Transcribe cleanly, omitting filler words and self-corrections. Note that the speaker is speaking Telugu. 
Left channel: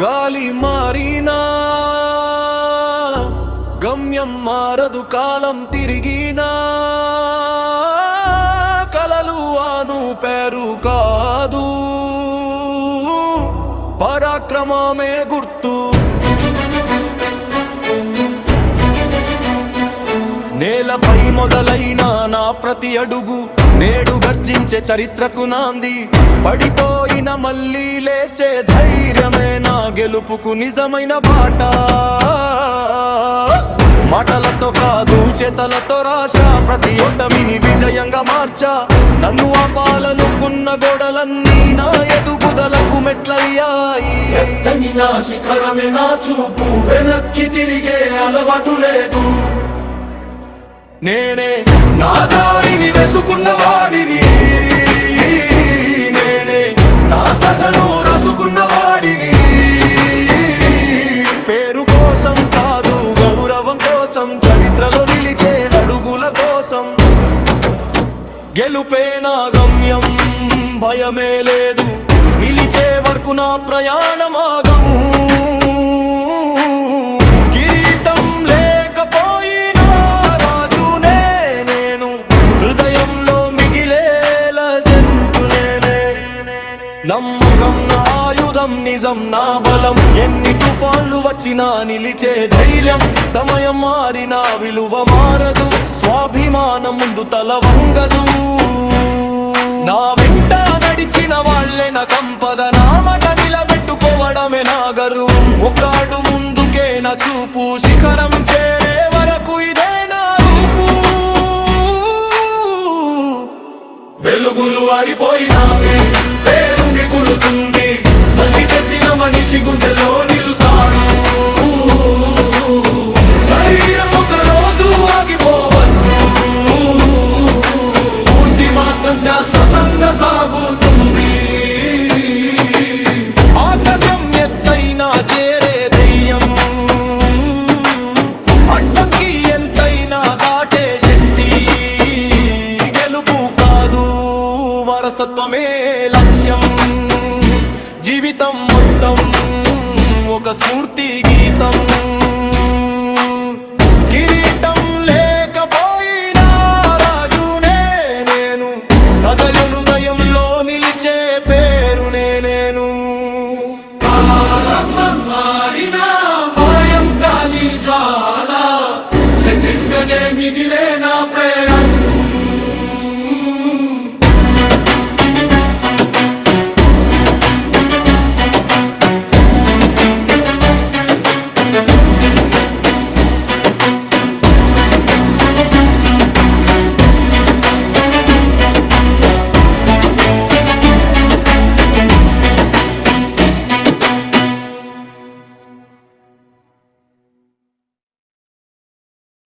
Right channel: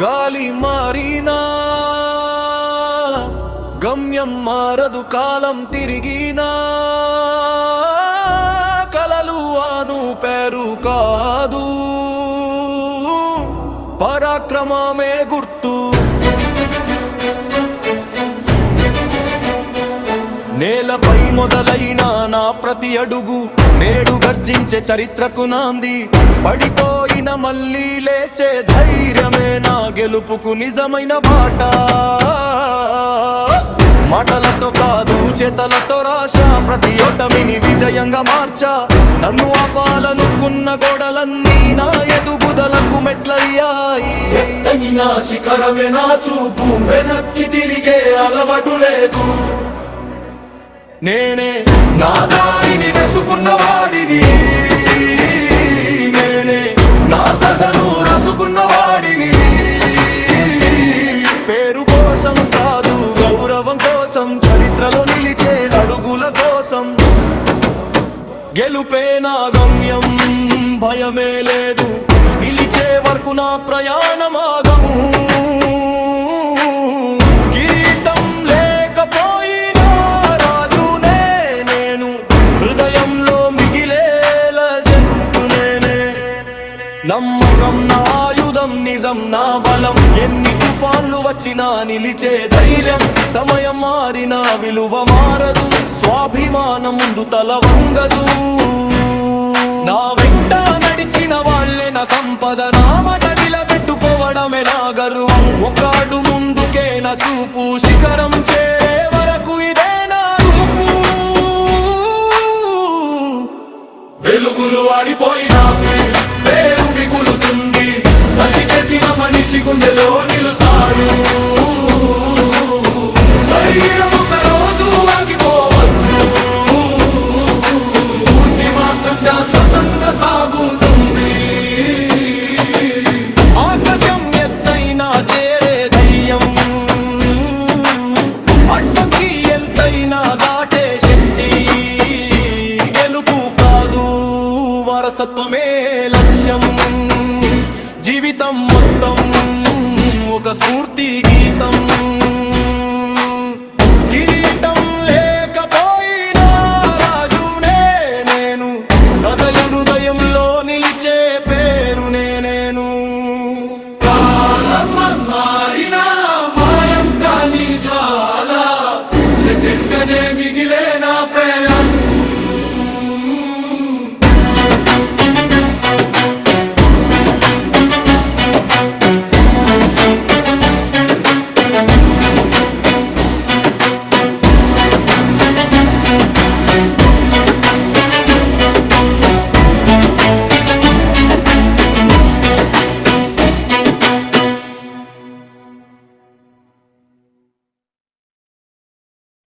గాలి మారినా గమ్యం మారదు, కాలం తిరిగినా కలలు ఆను పేరు కాదు, పరాక్రమమే గుర్తు. నేలపై మొదలైన నా ప్రతి అడుగు నేడు గర్జించే చరిత్రకు నాంది. పడిపోయిన మళ్ళీ లేచే ధైర్యమే నా గెలుపుకు నిజమైన బాట. మాటలతో కాదు చేతలతో రాశా ప్రతి ఓటమిని విజయంగా మార్చా. నన్ను ఆపాలనుకున్న గోడలన్నీ నా ఎదుగుదలకు మెట్లయ్యాయి. ఎత్తని నా శిఖరమే నా చూపు, వెనక్కి తిరిగే అలవాటు లేదు. నేనే నా దారిని వేసుకున్న వాడిని, నేనే నా కథను రాసుకున్న వాడిని. పేరు కోసం కాదు గౌరవం కోసం, చరిత్రలో నిలిచే అడుగుల కోసం. గెలుపే నా గమ్యం, భయమే లేదు, నిలిచే వరకు నా ప్రయాణమాగము. కిరీటం లేకపోయినా రాజునే నేను, హృదయంలో మిగిలేల జంతు నేనే. నమ్మకం నా ఆయుధం, నిజం నా బలం. ఎన్ని తుఫాన్లు వచ్చినా నిలిచే ధైర్యం. సమయం మారినా విలువ మారదు, స్వాభిమానం ముందు తల వంగదు. నా వెంట నడిచిన వాళ్ళే నా సంపద, నా మాట నిలబెట్టుకోవడమే నా గర్వం. ఒకడు ముందుకే నా చూపు, శిఖరం చేరే వరకు ఇదే నా రూపు. వెలుగులు ఆరిపోయినా పేరు మిగులుతుంది, మంచి చేసిన మనిషి గుండెలో నిలుస్తాడు. శరీరం ఒక రోజు ఆగిపోవచ్చు, స్ఫూర్తి మాత్రం శాశ్వతంగా సాగుతుంది. ఆకాశం ఎత్తైనా చేరే ధైర్యం, అడ్డంకి ఎంతైనా దాటే శక్తి. గెలుపు కాదు వారసత్వమే లక్ష్యం, జీవితం మొత్తం ఒక స్ఫూర్తి గీతం. కిరీటం లేకపోయినా రాజునే నేను, ప్రజల హృదయంలో నిలిచే పేరునే నేను. కాలం మారినా మాయం కాని జ్వాల, లెజెండనే మిగిలే నా ప్రేరణ.